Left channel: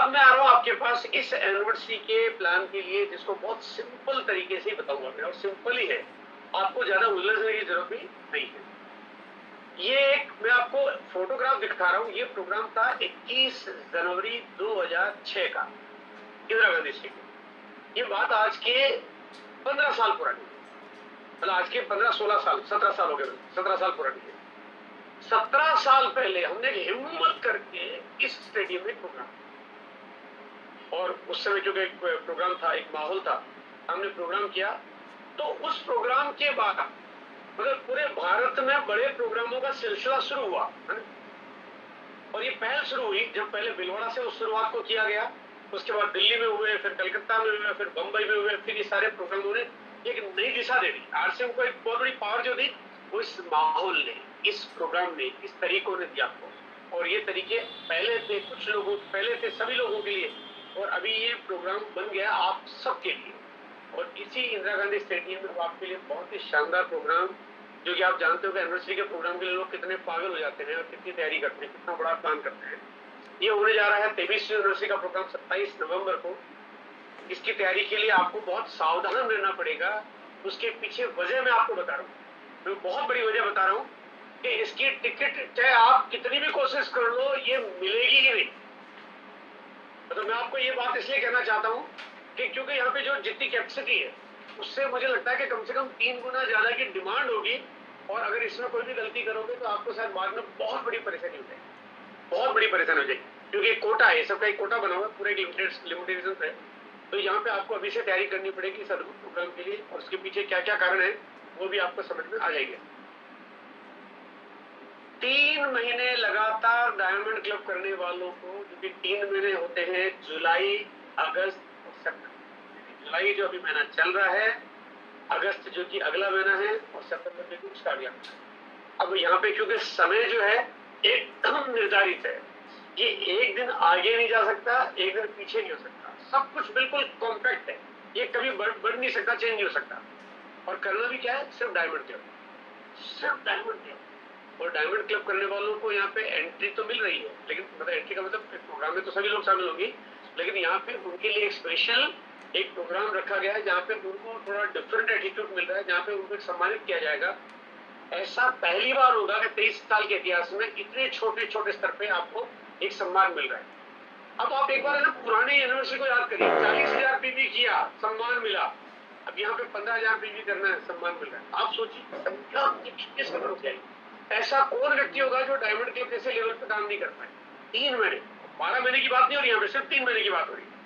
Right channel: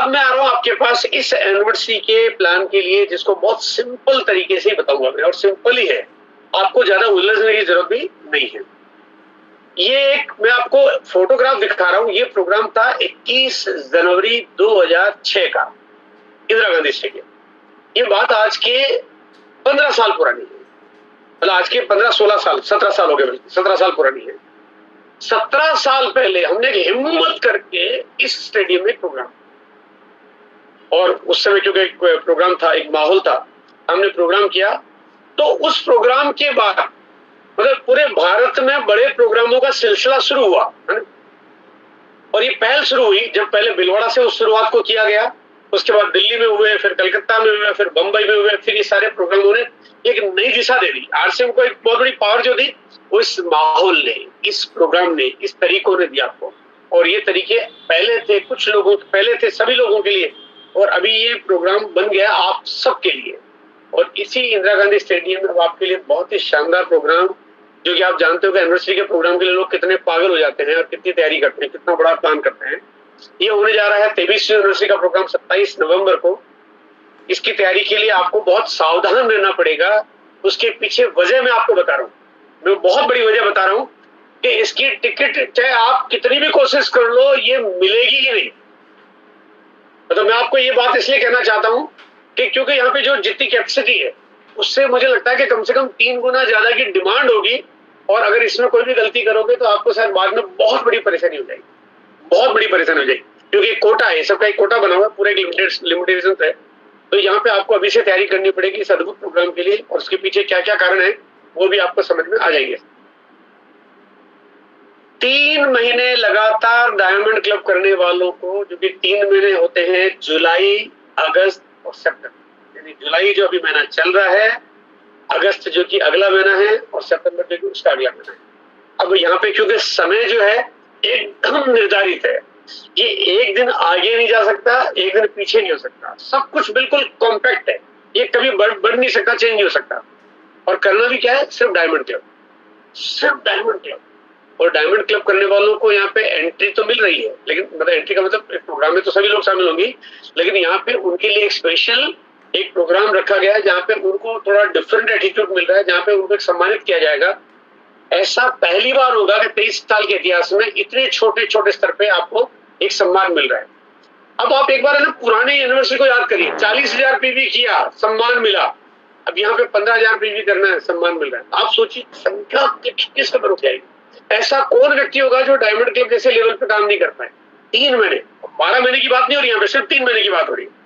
अब मैं आ रहा हूँ आपके पास इस एनिवर्सरी के प्लान के लिए, जिसको बहुत सिंपल तरीके से बताऊंगा मैं, और सिंपल ही है, आपको ज्यादा उलझने की जरूरत भी नहीं है। ये एक मैं आपको फोटोग्राफ दिखा रहा हूँ। ये प्रोग्राम था 21 जनवरी 2006 का, इंदिरा गांधी स्टेडियम। ये बात आज के 15 साल पुरानी है, मतलब आज के 15-16 साल, 17 साल हो गए, बल्कि 17 साल पुरानी है। 17 साल पहले हमने हिम्मत करके इस स्टेडियम में प्रोग्राम, और उस समय क्योंकि एक प्रोग्राम था, एक माहौल था, हमने प्रोग्राम किया। तो उस प्रोग्राम के बाद मतलब पूरे भारत में बड़े प्रोग्रामों का सिलसिला शुरू हुआ, है ना? और ये पहल शुरू हुई जब पहले भीलवाड़ा से उस शुरुआत को किया गया, उसके बाद दिल्ली में हुए, फिर कलकत्ता में हुए, फिर बंबई में हुए, फिर ये सारे प्रोग्रामों ने एक नई दिशा दे दी। आरसीएम को एक बहुत बड़ी पावर जो दी, वो इस माहौल ने, इस प्रोग्राम ने, इस तरीकों ने दिया आपको। और ये तरीके पहले थे कुछ लोगों, पहले थे सभी लोगों के लिए, और अभी ये प्रोग्राम बन गया आप सबके लिए। और इसी इंदिरा गांधी स्टेडियम में आपके लिए बहुत ही शानदार प्रोग्राम, जो कि आप जानते हो कि एनिवर्सरी के प्रोग्राम के लिए लोग कितने पागल हो जाते हैं और कितनी तैयारी करते हैं, कितना बड़ा प्लान करते हैं। ये होने जा रहा है 23वीं एनिवर्सरी का प्रोग्राम 27 नवंबर को। इसकी तैयारी के लिए आपको बहुत सावधान रहना पड़ेगा। उसके पीछे वजह मैं आपको बता रहा हूँ, मैं बहुत बड़ी वजह बता रहा हूँ कि इसकी टिकट चाहे आप कितनी भी कोशिश कर लो, ये मिलेगी ही नहीं। तो मैं आपको ये बात इसलिए कहना चाहता हूँ कि क्योंकि यहाँ पे जो जितनी कैपेसिटी है, उससे मुझे लगता है कि कम से कम 3 गुना ज्यादा की डिमांड होगी। और अगर इसमें कोई भी गलती करोगे तो आपको शायद बाद में बहुत बड़ी परेशानी हो जाएगी, बहुत बड़ी परेशानी हो जाएगी, क्योंकि एक कोटा है, सबका एक कोटा बना हुआ है, पूरे लिमिटेशन है। तो यहाँ पे आपको अभी से तैयारी करनी पड़ेगी इस अद्भुत प्रोग्राम के लिए, और उसके पीछे क्या क्या कारण है वो भी आपको समझ में आ जाएंगे। 3 महीने लगातार डायमंड क्लब करने वालों को, जो कि 3 महीने होते हैं, जुलाई, अगस्त और सितंबर, यानी जुलाई जो अभी महीना चल रहा है, अगस्त जो कि अगला महीना है, और सितंबर जो कि उसका अगला महीना है। अब यहाँ पे क्योंकि समय जो है एकदम निर्धारित है, ये एक दिन आगे नहीं जा सकता, एक दिन पीछे नहीं हो सकता, सब कुछ बिल्कुल कॉम्पैक्ट है, ये कभी बढ़ नहीं सकता, चेंज नहीं हो सकता। और करना भी क्या है, सिर्फ डायमंड क्लब, सिर्फ डायमंड क्लब। और डायमंड क्लब करने वालों को यहाँ पे एंट्री तो मिल रही है, लेकिन मतलब एंट्री का मतलब प्रोग्राम में तो सभी लोग शामिल होंगे, लेकिन यहाँ पे उनके लिए एक स्पेशल एक प्रोग्राम रखा गया है, जहाँ पे उनको थोड़ा डिफरेंट एटीट्यूड मिल रहा है, जहाँ पे उनको सम्मानित किया जाएगा। ऐसा पहली बार होगा कि 23 साल के इतिहास में इतने छोटे छोटे स्तर पे आपको एक सम्मान मिल रहा है। अब आप एक बार है ना पुरानी यूनिवर्सिटी को याद करिए, 40,000 पीवी किया, सम्मान मिला। अब यहाँ पे 15,000 पीवी करना है, सम्मान मिल रहा है। आप सोचिए संख्या किस कदर हो जाएगी। ऐसा कौन व्यक्ति होगा जो डायमंड क्लब जैसे लेवल पे काम नहीं कर पाए। 3 महीने, 12 महीने की बात नहीं हो रही, यहाँ पे सिर्फ 3 महीने की बात हो रही है।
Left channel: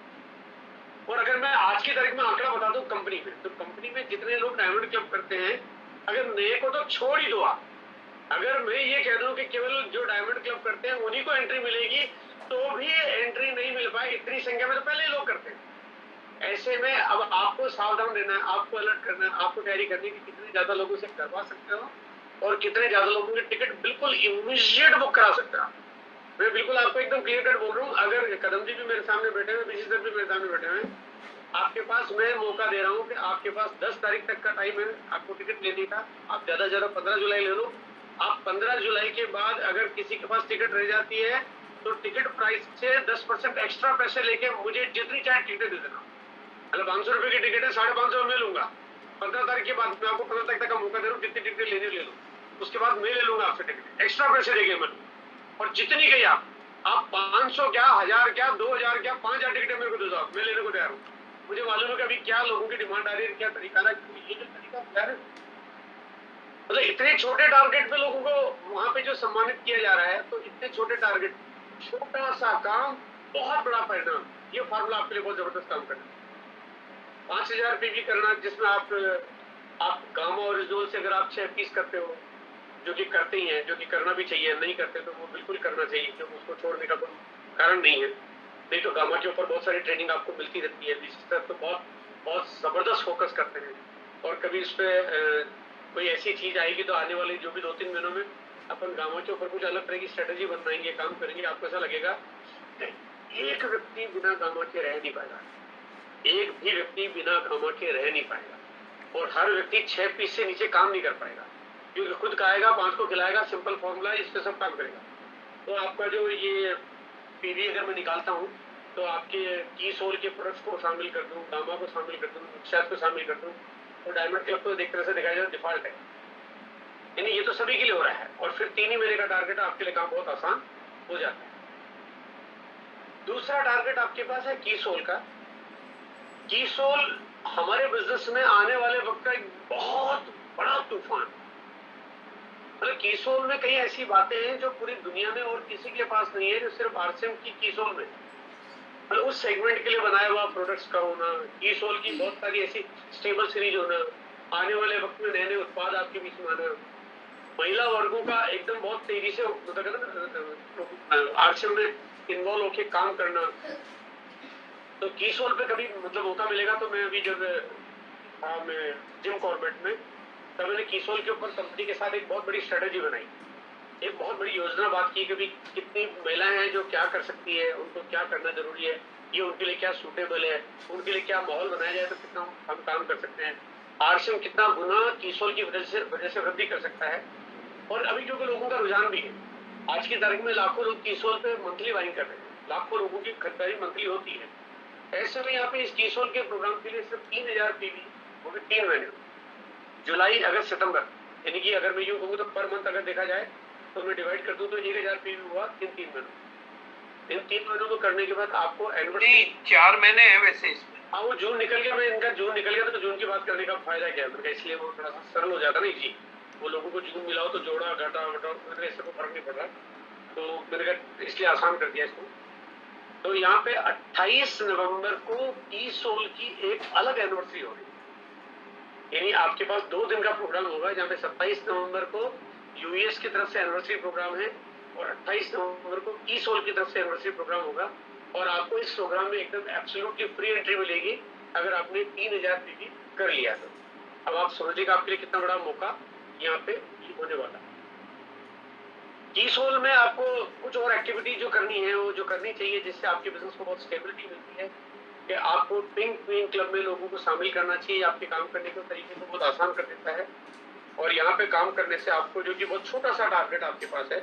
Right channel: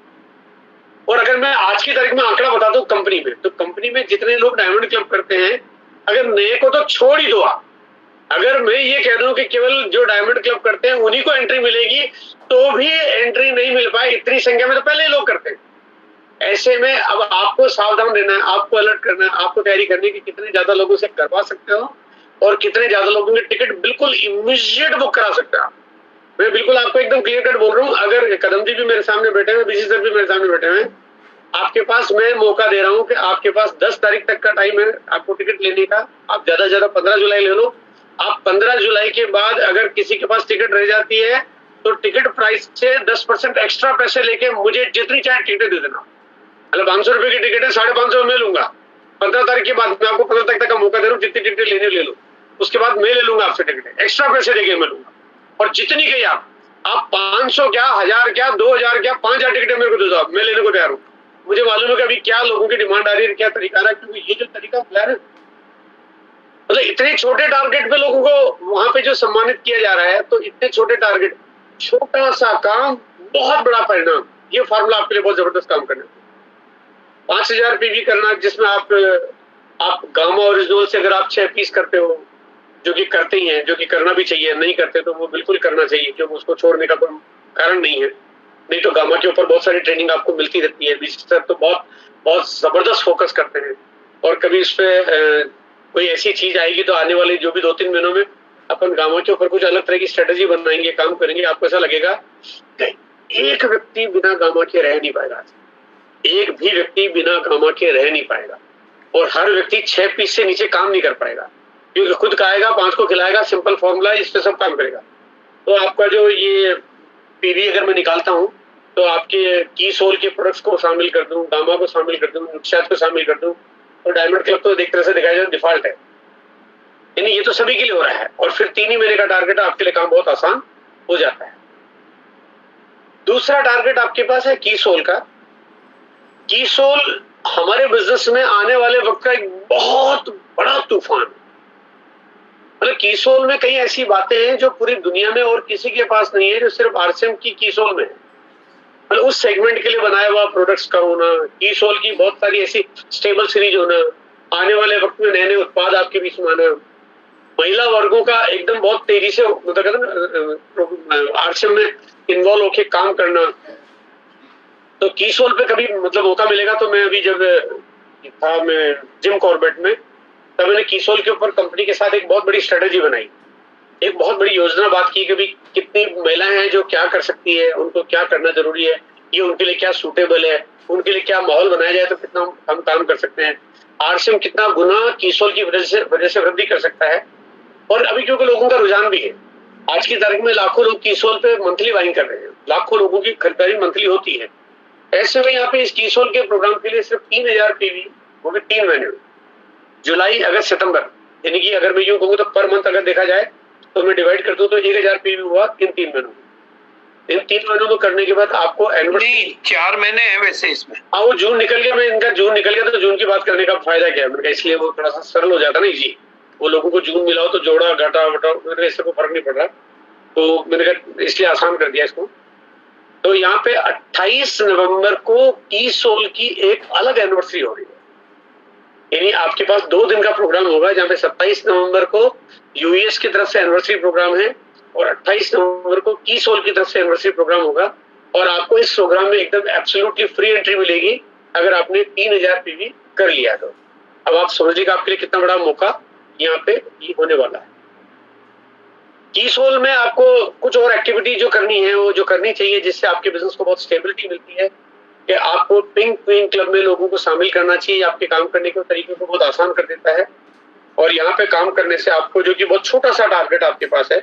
और अगर मैं आज की तारीख में आंकड़ा बता दूं कंपनी में, तो कंपनी में जितने लोग डायमंड क्लब करते हैं, अगर नए को तो छोड़ ही दो आप, अगर मैं ये कह दूं कि केवल जो डायमंड क्लब करते हैं उन्हीं को एंट्री मिलेगी, तो भी एंट्री नहीं मिल पाए। इतनी संख्या में तो पहले ही लोग करते हैं। ऐसे में अब आपको सावधान रहना है, आपको अलर्ट करना है, आपको तैयारी करनी है कि कितने ज्यादा लोगों से करवा सकते हो और कितने ज्यादा लोगों की टिकट बिल्कुल इमीडिएट बुक करा सकते हो। मैं बिल्कुल आपको एकदम क्लियर कट बोल रहा हूँ। अगर कदम जी भी मेरे सामने बैठे हुए, बीसी सर भी मेरे सामने बैठे हुए, आपके पास मैं मौका दे रहा हूँ कि आपके पास 10 तारीख तक का टाइम है आपको टिकट लेने का। आप ज्यादा से ज्यादा 15 जुलाई ले लो। आप 15 जुलाई के बाद अगर किसी के पास टिकट रह जाती है तो टिकट प्राइस से 10% एक्स्ट्रा पैसे लेके मुझे जितनी चाहे टिकट दे देना। मतलब 500 रुपए की टिकट है, 550 में लूंगा। 15 तारीख के बाद मैं आपको 15 तारीख तक का मौका दे रहा हूँ, जितनी टिकट लेने ले लो, उसके बाद मैं ले लूंगा आपसे टिकट, एक्स्ट्रा पैसे देके मैं लूंगा। और जितनी कही आप 500 क्या, 1000 क्या, 2000 क्या, 5000 टिकटें मेरे को दे दो, आप मैं लेने को तैयार हूँ। मुझे मालूम है कि अभी क्या लोगों की डिमांड आ रही है, क्या तरीका आ रहा है, क्योंकि ये जो तरीका प्लान है, मतलब इतने छोटे टारगेट पे लोगों को वहां पे जो सम्मानित किया जा रहा है, तो इतने छोटे टारगेट, छोटा सा काम, बहुत बड़ा परिणाम। ये फार्मूला आपके लिए बहुत जबरदस्त काम करना। 5000 पीवी करना, जिसमें आप गामा ओरिजिनल से अगर आप 6 पीस करते हो, जो कि करते ही हैं, जो कि करना भी चाहिए, नहीं करते तो वो बिल्कुल करना चाहिए, क्योंकि उसको छोड़ने का कोई कारण नहीं है। नहीं तो गामा के ऊपर बहुत सारी ट्रेनिंग आपको मिलती रहती है। बीसी सर तो बहुत बहुत जबरदस्त फोकस करते हैं, और कभी इस पे कोई ऐसी चीज आएगी तो आने वाले जो भी 2-3 महीनों में अपन गामा के ऊपर कुछ अलग तरह की स्ट्रेटेजी बनाएंगे, काम करेंगे। आपको ऐसा लगेगा कि एक व्यक्ति बिना गामा के रह नहीं पाएगा, एक भी व्यक्ति बिना गामा के रह नहीं पाएगा, और हर व्यक्ति 6 पीस से नीचे काम नहीं कर पाएगा, क्योंकि खुद खाएगा, 5 को खिलाएगा। सिंपल फॉर्मूला, इस पे सब काम करेगा। तो आपका जो ये पीवी अगर मैं निकालता हूँ तो आपके की सोल के प्रोडक्ट्स को शामिल कर दूं, गामा को शामिल कर दूं, नुक्सात को शामिल कर दूं, तो डायमंड क्लब तो एक तरह से देखा जाए डिफॉल्ट है, यानी ये तो सभी के लिए हो रहा है। और फिर 3 ही महीने का टारगेट है, आपके लिए काम बहुत आसान हो जाता है। दूसरा टारगेट आपके पास है की सोल का। की सोल हमारे बिजनेस में आने वाले वक्त का एक बहुत बड़ा तूफान, मतलब की सोल में कई ऐसी बातें हैं जो पूरी दुनिया में और किसी के पास नहीं है, जो सिर्फ आरसीएम की सोल में है। मतलब उस सेगमेंट के लिए बनाया हुआ प्रोडक्ट्स का होना, की सोल की बहुत सारी ऐसी स्टेबल सीरीज होना, आने वाले वक्त में नए नए उत्पाद आपके बीच में आना, महिला वर्गों का एकदम बहुत तेजी से मतलब कहते हैं आरसीएम में इन्वॉल्व होके काम करना। तो की सोल पे कभी मतलब मौका मिलेगा तो मैं अभी जब था मैं जिम कॉर्बेट में, तब मैंने की सोल के ऊपर कंपनी के साथ एक बहुत बड़ी स्ट्रेटेजी बनाई, एक बहुत बड़ी योजना बात की कि भी कितनी महिलाएं हैं जो क्या कर सकती है, उनको क्या करना जरूरी है, ये उनके लिए क्या सूटेबल है, उनके लिए क्या माहौल बनाया जाए तो कितना हम काम कर सकते हैं, आरसीएम कितना गुना की सोल की वजह से वृद्धि कर सकता है। और अभी क्योंकि लोगों का रुझान भी है, आज की तारीख में लाखों लोग की सोल पे मंथली बाइंग कर रहे हैं, लाखों लोगों की खरीदारी मंथली होती है। ऐसे में यहाँ पे इस की सोल के प्रोग्राम के लिए सिर्फ 3000 पीवी, वो भी 3 महीने, जुलाई अगस्त सितंबर, यानी कि अगर मैं यूं कहूँ तो पर मंथ अगर देखा जाए तो मैं डिवाइड कर दूं तो 1000 पीवी हुआ इन 3 महीनों। इन 3 महीनों को करने के बाद आपको नहीं 4 महीने है वैसे इसमें। हाँ, वो जून निकल गया, मैं इनका जून निकल गया तो जून की बात करने का फायदा क्या है, मैंने कहा इसलिए वो थोड़ा सा सरल हो जाता ना जी, वो लोगों को जून मिला हो तो जोड़ा घटा वटा मेरे इससे कोई फर्क नहीं पड़ रहा, तो मैंने कहा इसलिए आसान कर दिया इसको। तो यहाँ पे 28 नवंबर को की सोल की एक अलग एनिवर्सरी हो रही है, यानी आपके पास 2 दिन का प्रोग्राम होगा, जहाँ पे 27 नवंबर को यूएस की तरफ से एनिवर्सरी प्रोग्राम है और 28 नवंबर को की सोल की तरफ से एनिवर्सरी प्रोग्राम होगा। और आपको इस प्रोग्राम में एकदम एब्सोल्युटली फ्री एंट्री मिलेगी अगर आपने 3000 पीवी कर लिया तो। अब आप समझिएगा आपके लिए कितना बड़ा मौका यहाँ पे होने वाला है। की सोल में आपको कुछ और एक्टिविटी जो करनी है, वो जो करनी चाहिए जिससे आपके बिजनेस को बहुत स्टेबिलिटी मिलती है, कि आपको पिंक क्वीन क्लब में लोगों को शामिल करना चाहिए, आपके काम करने के तरीके को बहुत आसान कर देता है। और यहाँ पे काम करने से आपको, जो कि बहुत छोटा सा टारगेट आपके पास है,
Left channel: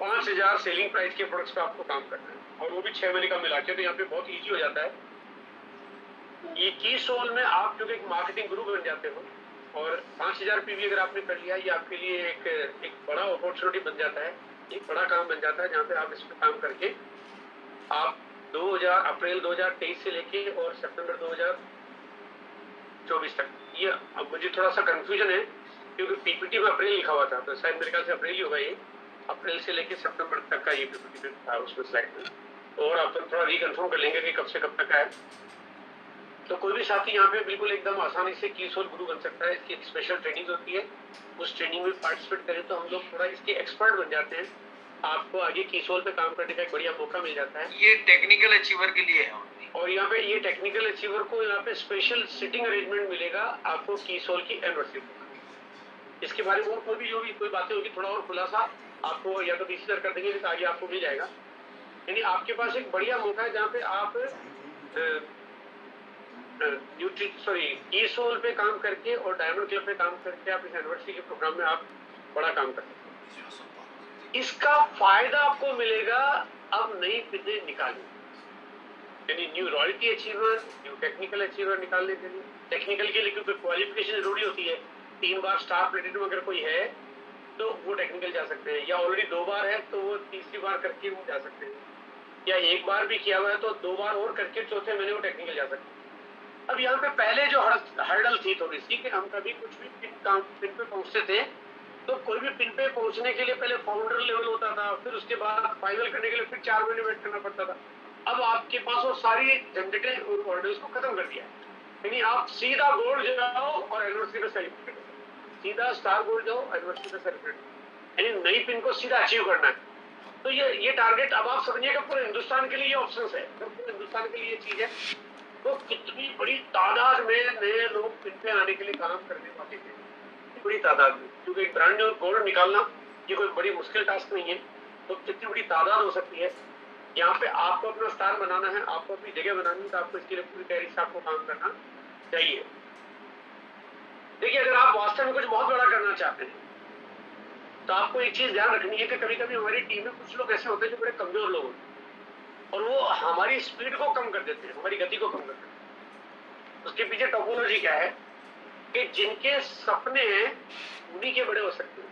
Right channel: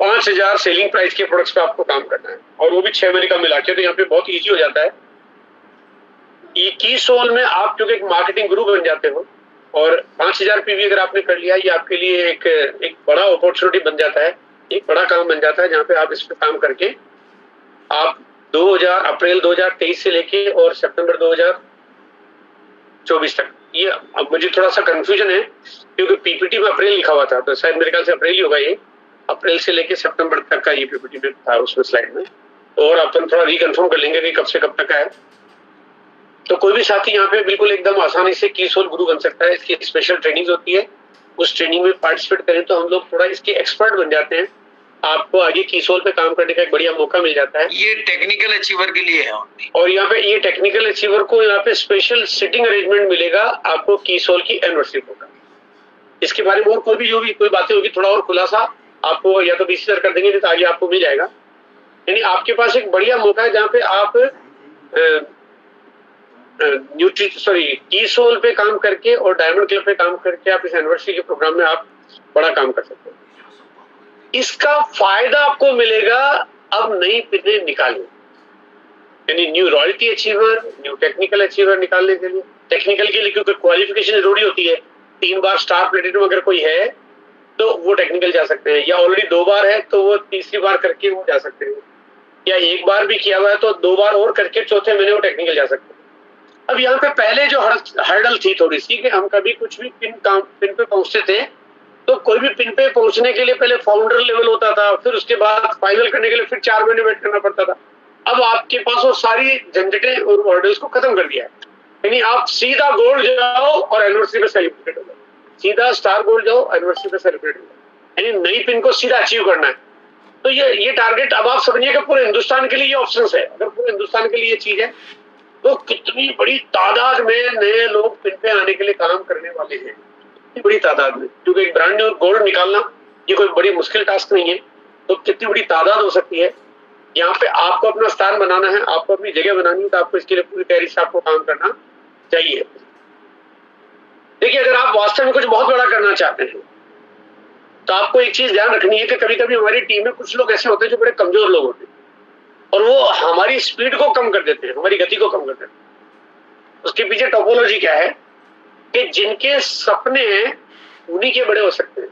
5000 सेलिंग प्राइस के प्रोडक्ट्स पे आपको काम करना है, और वो भी 6 महीने का मिला के, तो यहाँ पे बहुत इजी हो जाता है। ये की सोल में आप क्योंकि एक मार्केटिंग गुरु बन जाते हो, और 5000 पीवी अगर आपने कर लिया, ये आपके लिए एक बड़ा अपॉर्चुनिटी बन जाता है, एक बड़ा काम बन जाता है, जहाँ पे आप इस पे काम करके आप अप्रैल 2023 से लेके और सितंबर 2024 तक, ये अब मुझे थोड़ा सा कंफ्यूजन है क्योंकि पीपीटी में अप्रैल लिखा हुआ था, तो शायद मेरे ख्याल से अप्रैल ही होगा, ये अप्रैल से लेके सितंबर तक का ये पीपीटी में था उसमें स्लाइड में, और अपन थोड़ा रिकन्फर्म कर लेंगे कि कब से कब तक का है। तो कोई भी साथी यहाँ पे बिल्कुल एकदम आसानी से की सोल गुरु बन सकता है। इसकी स्पेशल ट्रेनिंग होती है, उस ट्रेनिंग में पार्टिसिपेट करें तो हम लोग थोड़ा इसके एक्सपर्ट बन जाते हैं, आपको आगे की सोल पे काम करने का एक बढ़िया मौका मिल जाता है। ये टेक्निकल अचीवर के लिए है, और यहाँ पे ये टेक्निकल अचीवर को यहाँ पे स्पेशल सिटिंग अरेंजमेंट मिलेगा आपको की सोल की एनिवर्सरी प्रोग्राम। इसके बारे में और कोई बातें होगी, थोड़ा और खुलासा आपको या तो बीसी सर कर देंगे, नहीं तो आगे आपको मिल जाएगा। यानी आपके पास एक बढ़िया मौका है जहाँ पे आप की सोल पे काम करके और डायमंड क्लब पे काम करके आप इस एनिवर्सरी के प्रोग्राम में आप बड़ा काम कर सकते हो। इसका फायदा आपको मिलेगा अब नई पिनें निकालने, यानी new royalty achiever, new technical achiever निकालने के लिए। टेक्निकल के लिए क्योंकि क्वालिफिकेशन जरूरी होती है, 3 बार स्टार प्लेटिनम अगर कोई है तो वो टेक्निकल जा सकते हैं, या ऑलरेडी 2 बार है तो वो तीसरी बार करके वो जा सकते हैं, या 1 बार भी किया हुआ है तो 2 बार और करके चौथे महीने वो टेक्निकल जा सकते हैं। अब यहाँ पे पहले जो हर्डल थी थोड़ी सी, कि हम कभी कुछ भी पिन पे पहुंचते थे तो कोई भी पिन पे पहुंचने के लिए पहले फाउंडर लेवल होता था, फिर उसके बाद फाइनल करने के लिए फिर 4 महीने वेट करना पड़ता था। अब आपके पास वो सारी झंझटें और हर्डल्स को खत्म कर दिया है, यानी आप सीधा गोल्ड जाओ और एनिवर्सरी पे सेलिब्रेट हो, सीधा स्टार गोल्ड जाओ एनिवर्सरी पे सेलिब्रेट हो, यानी नई पिन को सीधा अचीव करना है। तो ये टारगेट अब आप समझिएगा पूरे हिंदुस्तान के लिए ये ऑप्शन है। अगर पूरे हिंदुस्तान के लिए ये चीज है तो कितनी बड़ी तादाद में नए लोग पिन पे आने के लिए काम करने वाले हैं, कितनी बड़ी तादाद में, क्योंकि एक ब्रांड न्यू गोल्ड निकालना ये कोई बड़ी मुश्किल टास्क नहीं है। तो कितनी बड़ी तादाद हो सकती है। यहाँ पे आपको अपना स्थान बनाना है, आपको अपनी जगह बनानी है, तो आपको इसके लिए पूरी तैयारी से आपको काम करना चाहिए। देखिए, अगर आप वास्तव में कुछ बहुत बड़ा करना चाहते हैं तो आपको एक चीज ध्यान रखनी है कि कभी कभी हमारी टीम में कुछ लोग ऐसे होते हैं जो बड़े कमजोर लोग होते हैं, और वो हमारी स्पीड को कम कर देते हैं, हमारी गति को कम कर देते हैं। उसके पीछे टोपोलॉजी क्या है कि जिनके सपने हैं उन्हीं के बड़े हो सकते हैं,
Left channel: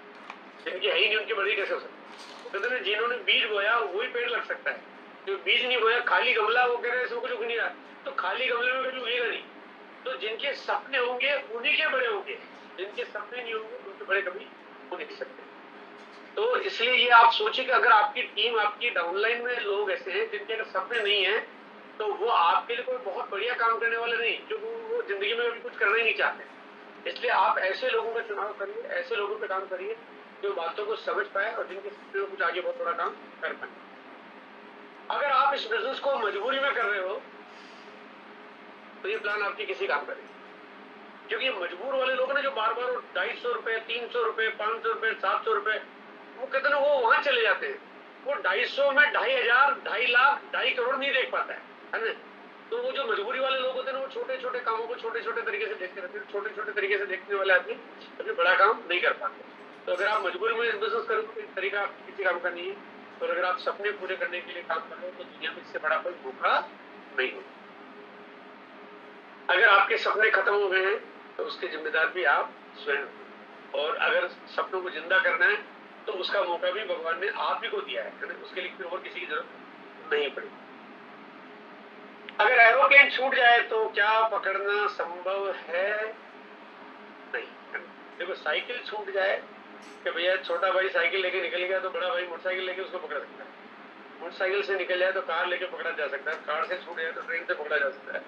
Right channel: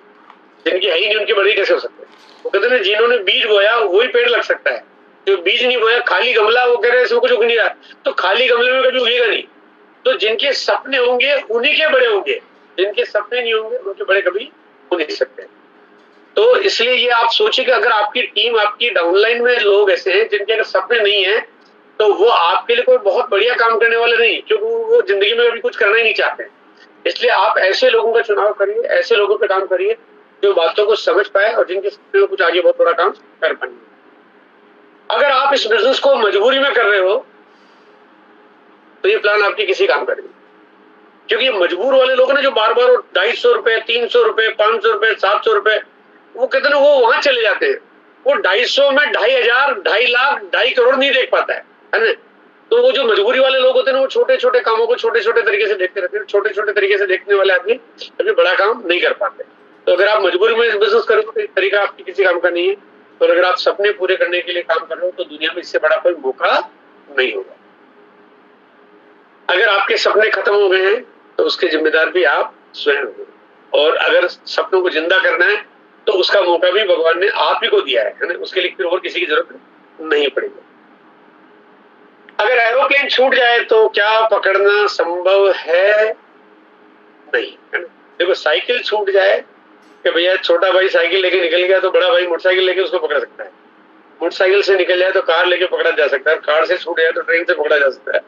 जिनके है ही नहीं उनके बड़े कैसे हो सकते हैं। वो कहते हैं जिन्होंने बीज बोया वही पेड़ लग सकता है, जो बीज नहीं बोया खाली गमला, वो कह रहे हैं इसमें कुछ उग नहीं रहा, तो खाली गमले में कभी उगेगा नहीं। तो जिनके सपने होंगे उन्हीं के बड़े होंगे, जिनके सपने नहीं होंगे उनके बड़े कभी हो नहीं सकते। तो इसलिए ये आप सोचिए कि अगर आपकी टीम, आपकी डाउनलाइन में लोग ऐसे हैं जिनके अगर सपने नहीं है तो वो आपके लिए कोई बहुत बढ़िया काम करने वाले नहीं, क्योंकि वो जिंदगी में कभी कुछ करना ही नहीं चाहते। इसलिए आप ऐसे लोगों का चुनाव करिए, ऐसे लोगों पे काम करिए जो बातों को समझ पाए और जिनके सपने में कुछ आगे बहुत बड़ा काम कर पाए। अगर आप इस बिजनेस को मजबूरी में कर रहे हो तो ये प्लान आपके किसी काम करेंगे, क्योंकि मजबूर वाले लोग ना जो बार बार 250 रुपए, 300 रुपए, 500 रुपए, 700 रुपए, वो कहते हैं वो वहां चले जाते हैं। वो 250 में 2,500, 2.5 लाख, 2.5 करोड़ नहीं देख पाता है ना। तो वो जो मजबूरी वाले लोग होते हैं वो छोटे छोटे कामों को छोटे छोटे तरीके से देखते रहते हैं। छोटे छोटे तरीके से देखने वाले आदमी कभी बड़ा काम नहीं कर पाते। तो अगर आप मजबूरी में बिजनेस करो तो तरीका आपकी किसी काम का नहीं है। और अगर आप सपने पूरे करने के लिए काम कर रहे हो तो दुनिया में इससे बड़ा कोई मौका नहीं होगा। अगर आपके सपने खत्म हो गए हैं तो उसके जिम्मेदार भी आप स्वयं हो, और अगर सपनों को जिंदा करना है तो उसका मौका भी भगवान ने आप ही को दिया है ना, उसके लिए फिर और किसी की जरूरत नहीं पड़ेगी। अगर एरोप्लेन छूट जाए तो क्या पकड़ना संभव है? नहीं, है ना। देखो साइकिल छूट जाए कि भैया छोटा भाई साइकिल लेके निकल गया तो बड़ा भाई मोटरसाइकिल लेके उसको पकड़ सकता है। मोटरसाइकिल से निकल जाए तो कार लेके पकड़ा जा सकता है, कार से छूट जाए तो ट्रेन से पकड़ा जा सकता है,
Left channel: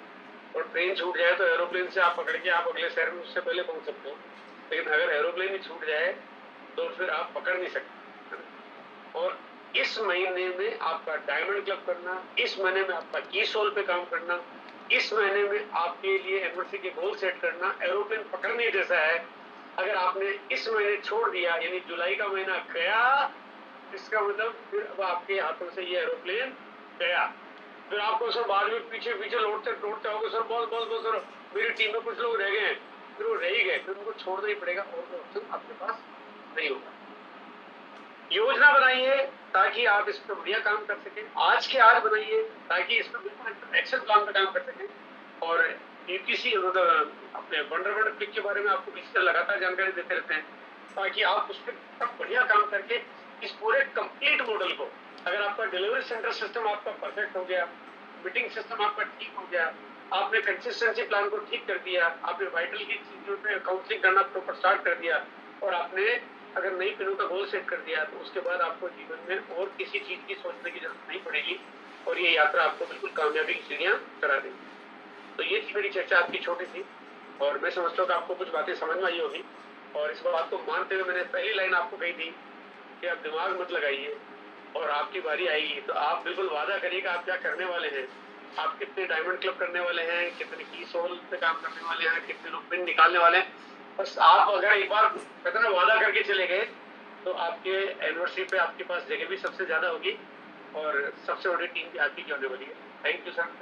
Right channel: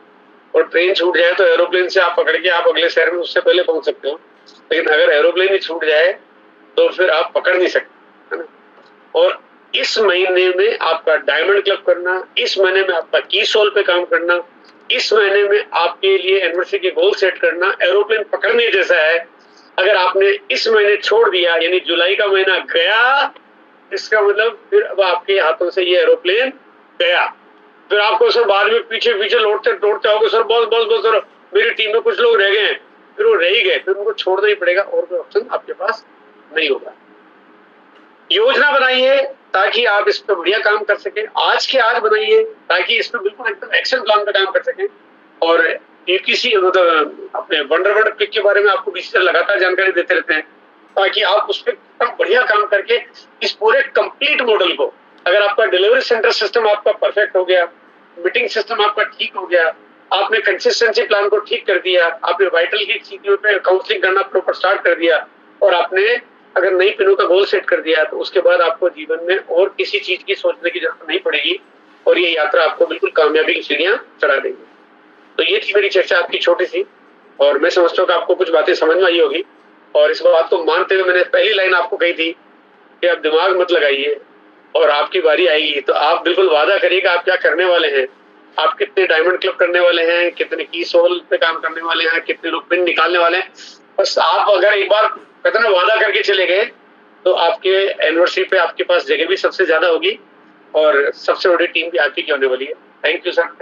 और ट्रेन छूट जाए तो एरोप्लेन से आप पकड़ के आप अगले शहर में उससे पहले पहुंच सकते हो। लेकिन अगर एरोप्लेन ही छूट जाए तो फिर आप पकड़ नहीं सकते, है ना। और इस महीने में आपका डायमंड क्लब करना, इस महीने में आपका की सोल पे काम करना, इस महीने में आपके लिए एनिवर्सरी के गोल सेट करना एरोप्लेन पकड़ने जैसा है। अगर आपने इस महीने छोड़ दिया, यानी जुलाई का महीना गया, इसका मतलब फिर अब आपके हाथों से ये एरोप्लेन गया। फिर आपको सर बाद में पीछे पीछे लौटते लौटते आओगे, सर बस बस बस सर मेरी टीम में कुछ लोग रह गए हैं, फिर वो रह ही गए, फिर उनको छोड़ना ही पड़ेगा और कोई ऑप्शन आपके पास नहीं होगा। योजना बनाइए ताकि आप इस पर बढ़िया काम कर सकें, आज के आज बनाइए ताकि इस पर बिल्कुल एकदम एक्शन प्लान पे काम कर सकें। और किसी मतलब अपने वंडरवर्ड क्लिक के बारे में आपको किसी से लगातार जानकारी देते रहते हैं ताकि आप उस पर एकदम बढ़िया काम करके इस पूरे कंप्लीट मॉडल को, अगर आपका डिलीवरी सेंटर सिस्टम आपका परफेक्ट हो गया, मीटिंग सिस्टम आपका ठीक हो गया, आपने कंसिस्टेंसी प्लान को ठीक कर दिया, आपने वाइटल की चीजों पे काउंसलिंग करना प्रॉपर स्टार्ट कर दिया, और आपने अगर नई पिनों का गोल सेट कर दिया, तो उसके बाद आपको जीवन में और किसी चीज की सोचने की जरूरत नहीं पड़ेगी और ये यात्रा आपको बिल्कुल कामयाबी की सीढ़ियां चढ़ा देगी। तो ये थी मेरी चर्चा आपकी छोटी सी, और मैं समझता हूँ कि आपको कुछ बातें समझ में आई होगी। और इस बात को मानते हुए मैंने पहली लाइन आपको कही थी कि आप दिमाग मत लगाइए और आपकी बारी आएगी तो आप बिल्कुल वादा करिएगा आप क्या करने वाले हैं, आप कितने डायमंड क्लब करने वाले हैं, कितने की सोल पे काम करने वाले हैं, कितने लोग पिन निकालने वाले हैं। बस आप अगर एक बार कहते ना वादा करके चले गए तो आपके एनिवर्सरी पे आपके पास जगह भी सबसे ज्यादा होगी और सबसे बड़ी टीम भी आपकी होने वाली है। Thank you sir.